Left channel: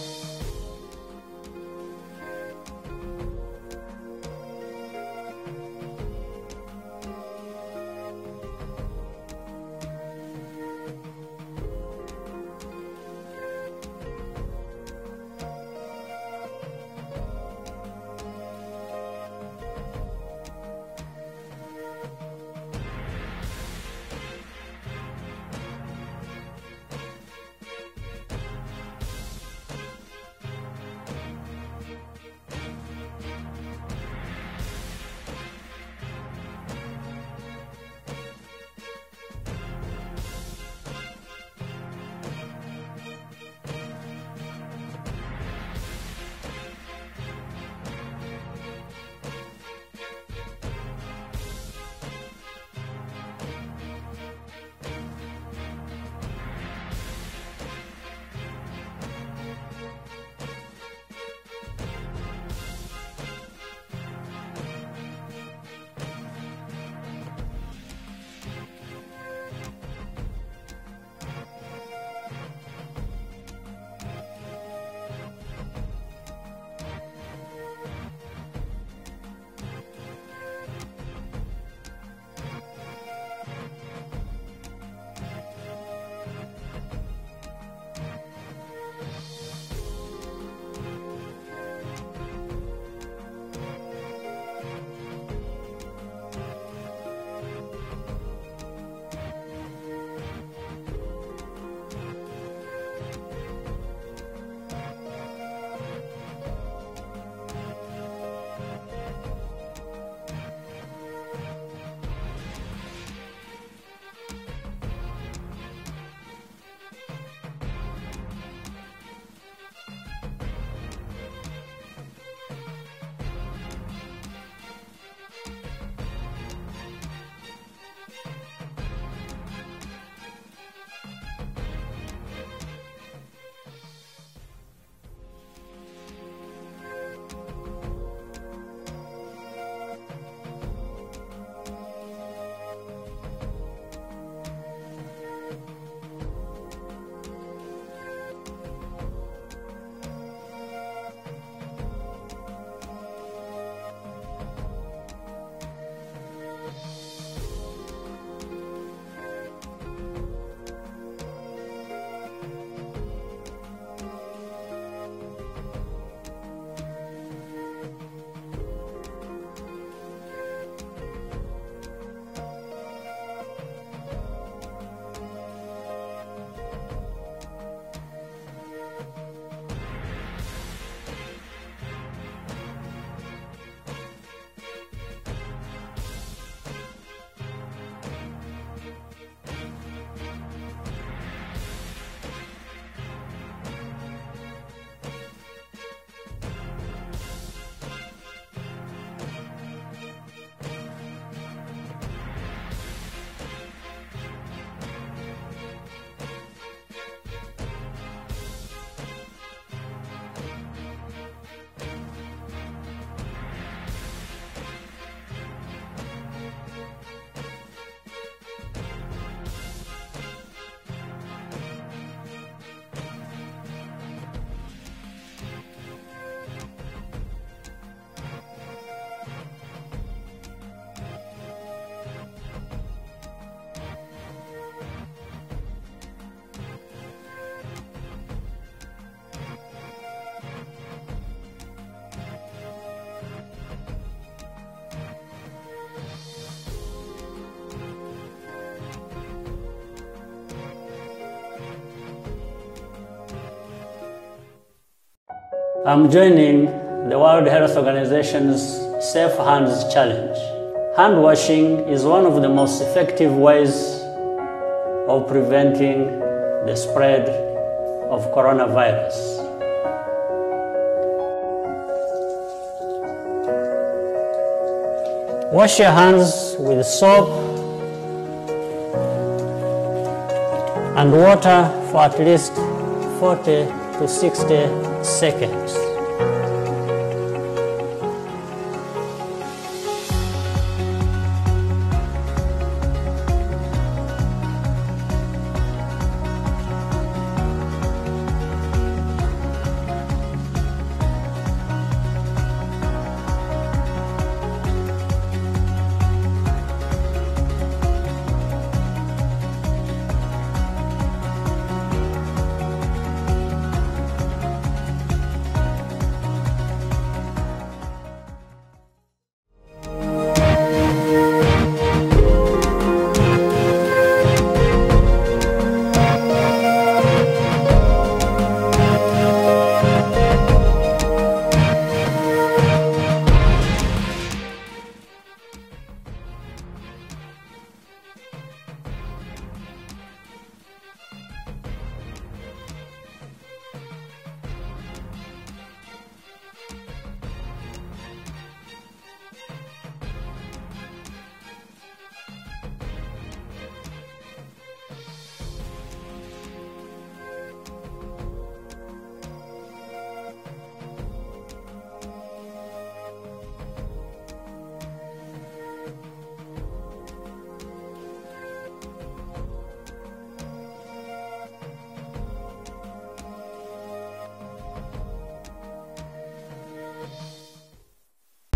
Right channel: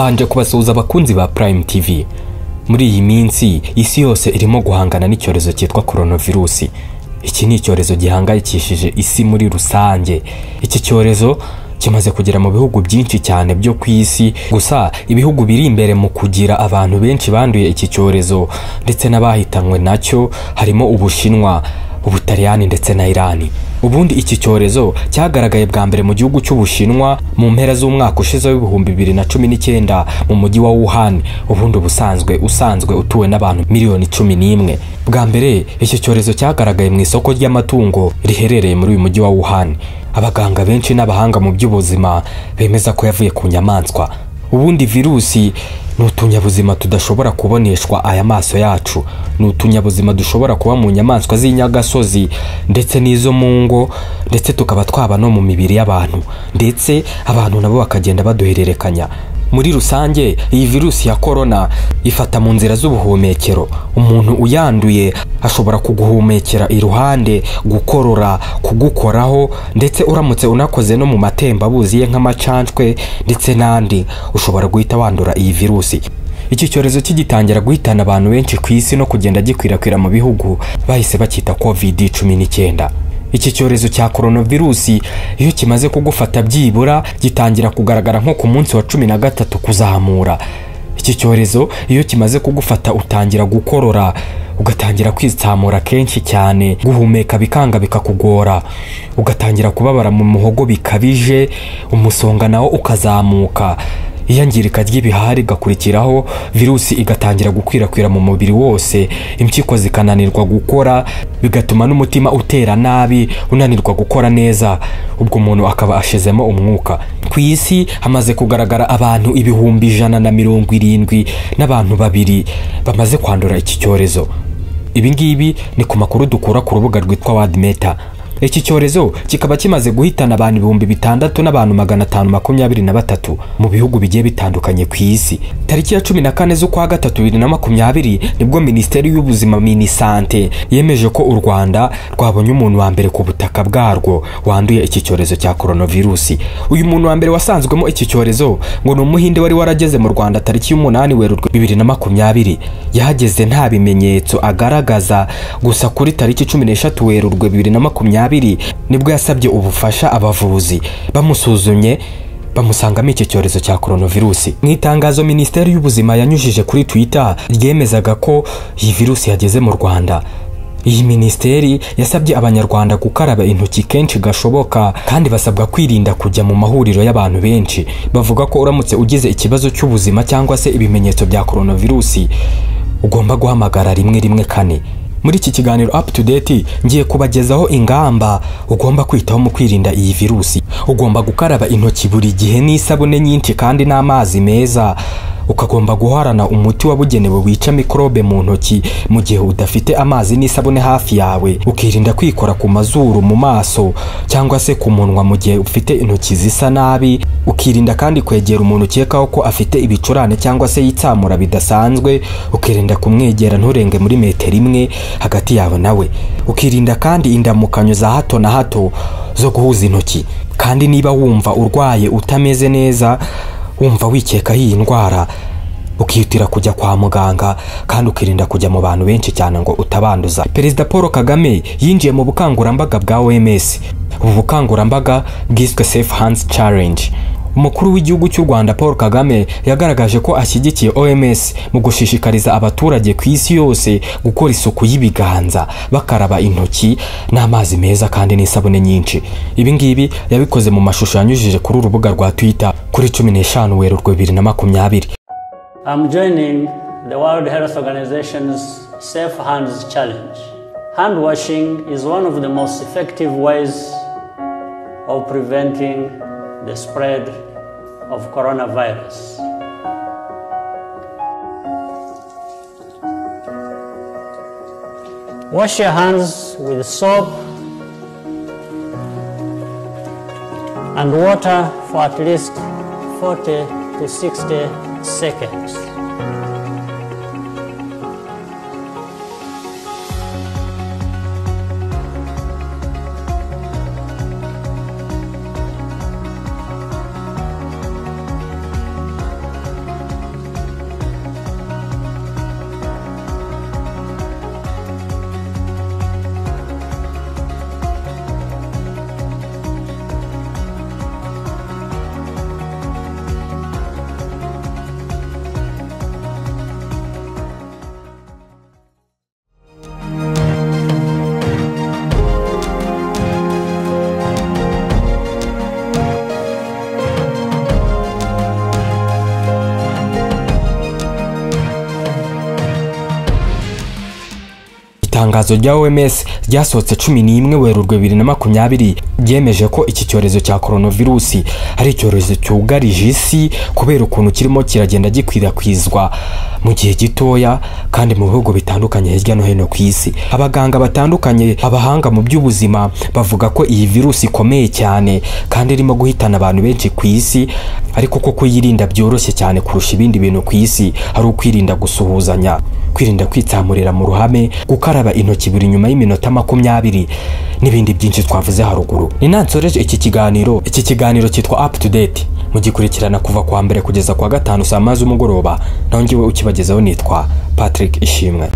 Mbanje kubasuhuza abakunzi ba Prime TV. Muri iyi minsi isi yose irimo guhangana n'icyorezo cyitwa coronavirus. Iki ni icyorezo gihangayikishije isi muri rusange. Iki cyorezo kimaze kugera mu bihugu byinshi cyane byo ku isi, gusa ibihugu biri imbere mu kugira abantu benshi banduye iki cyorezo ndetse n'abahitanywe nacyo harimo Ubushinwa, Ubutaliyani ndetse na Irani. Ubundi iki cyorezo cyagaragaye bwa mbere mu gihugu cy'Ubushinwa mu mpera z'umwaka ushize w'ibihumbi 2019 mu mujyi wa Wuhan, ubundi usanzwe utuwe n'abantu miliyoni 11. Bwa mbere iki cyorezo cyagaragaye mu isoko ry'amatungo riherereye muri uyu mujyi wa Wuhan. Abaganga benshi n'abahanga mu by'ubuzima bemeza ko yavuye ku nyamaswa. Ubundi virusi ni utunyabuzima tudashobora kuboneshwa aya maso yacu. Ni utunyabuzima dushobora kuba mu nyamaswa z'inyagasozi ndetse n'izo mu ngo, ndetse tukaba twaba no mu mibiri y'abantu, ndetse abantu nabo bakagenda baduhererekanya. Muri rusange iyi virusi ya corona ifata mu nzira z'ubuhumekero. Umuntu uyanduye ashobora kuguhumekera iruhande, gukorora, kugukoraho, ndetse uramutse unakoze no mu matembabuzi ye nk'amacancwe ndetse n'andi, ushobora guhita wandura iyi virusi. Iki cyorezo kigitangira guhitana abantu benshi ku isi no kugenda gikwirakwira mu bihugu, bahise bakita COVID-19. Iki cyorezo cya coronavirus iyo kimaze kugufata byibura gitangira kugaragara nko ku munsi wa 13 kuzamura. Iki cyorezo iyo kimaze kugufata utangira gukorora, ugatangira kwitsamura kenshi cyane, guhumeka bikanga bikakugora, ugatangira kubabara mu muhogo bikabije, umusonga nawo ukazamuka. Iyangirika ry'ibihari gakurikiraho, virusi igatangira gukwirakwira mu mubiri wose, impyiko zikananirwa gukora, bigatuma n'umutima utera nabi, unanirwa gukora neza, ubwo umuntu akaba ashizemo umwuka. Ku isi hamaze kugaragara abantu 170 n'abantu 2 bamaze kwandura iki cyorezo. Ibi ngibi ni ku makuru dukura ku rubuga rwitwa WorldMeta. Iki cyorezo kikaba kimaze guhitana abantu 6,000 n'abantu 523 mu bihugu bigiye bitandukanye ku isi. Tariki ya 14 z'ukwa gatatu 2020 nibwo Minisiteri y'Ubuzima Minisante yemeje ko u Rwanda rwabonye umuntu wa mbere ku butaka bwarwo wanduye iki cyorezo cya coronavirus. Uyu muntu wa mbere wasanzwemo iki cyorezo ngo ni umuhinde wari warageze mu Rwanda tariki y'umunani Werurwe 2020. Yahageze nta bimenyetso agaragaza, gusa kuri tariki 13 Werurwe 2020 nibwo yasabye ubufasha abavuzi. Bamusuzumye bamusangamo iki cyorezo cya coronavirus. Mu itangazo Minisiteri y'Ubuzima yanyujije kuri Twitter ryemezaga ko iyi virusi yageze mu Rwanda. Iyi minisiteri yasabye abanyarwanda gukaraba intoki kenshi gashoboka, kandi basabwa kwirinda kujya mu mahuriro y'abantu benshi. Bavuga ko uramutse ugize ikibazo cy'ubuzima cyangwa se ibimenyetso bya coronavirus, ugomba guhamagara 114. Muri iki kiganiro up to date ngiye kubagezaho ingamba ugomba kwitaho mu kwirinda iyi virusi. Ugomba gukaraba intoki buri gihe n'isabune nyinshi kandi n'amazi meza. Ukagomba guharana umuti wabugenewe wica mikrobe mu ntoki mu gihe udafite amazi n'isabune hafi yawe. Ukirinda kwikora ku mazuru, mu maso cyangwa se ku munwa mu gihe ufite intoki zisa nabi. Ukirinda kandi kwegera umuntu ukekaho ko afite ibicurane cyangwa se yitsamura bidasanzwe. Ukirinda kumwegera nturenge muri metero 1 hagati yawe nawe. Ukirinda kandi indamukanyo za hato na hato zo guhuza intoki. Kandi niba wumva urwaye utameze neza, wumva wikeka iyi ndwara, ukihutira kujya kwa muganga, kandi ukirinda kujya mu bantu benshi cyane ngo utabanduza. Perezida Paul Kagame yinjiye mu bukangurambaga bwa OMS. Ubu bukangurambaga bwiswe Safe Hands Challenge. Umukuru w'igihugu cy'u Rwanda Paul Kagame yagaragaje ko ashyigikiye OMS mu gushishikariza abaturage ku isi yose gukora isuku y'ibiganza, bakaraba intoki n'amazi meza kandi n'isabune nyinshi. Ibi ngibi yabikoze mu mashusho yanyujije kuri urubuga rwa Twitter kuri 15 Werurwe 2020. I'm joining the World Health Organization's Safe Hands Challenge. Hand washing is one of the most effective ways of preventing the spread of coronavirus. Wash your hands with soap and water for at least 40 to 60 seconds. itangazo rya OMS ryasohotse 11 Werurwe 2020 ryemeje ko iki cyorezo cya coronavirus ari icyorezo cyugarije isi kubera ukuntu kirimo kiragenda gikwirakwizwa mu gihe gitoya kandi mu bihugu bitandukanye hirya no hino ku isi. Abaganga batandukanye, abahanga mu by'ubuzima bavuga ko iyi virusi ikomeye cyane kandi irimo guhitana abantu benshi ku isi, ariko ko kuyirinda byoroshye cyane kurusha ibindi bintu ku isi ari ukwirinda gusuhuzanya, kwirinda kwitsamurira mu ruhame, gukaraba intoki buri nyuma y'iminota 20 n'ibindi byinshi twavuze haruguru. Ni nansoreje iki kiganiro cyitwa Up to Date, mugikurikirana kuva kwa mbere kugeza kwa gatanu saa 5 z'umugoroba. Naho ngiwe ukibagezaho nitwa Patrick Ishimwe.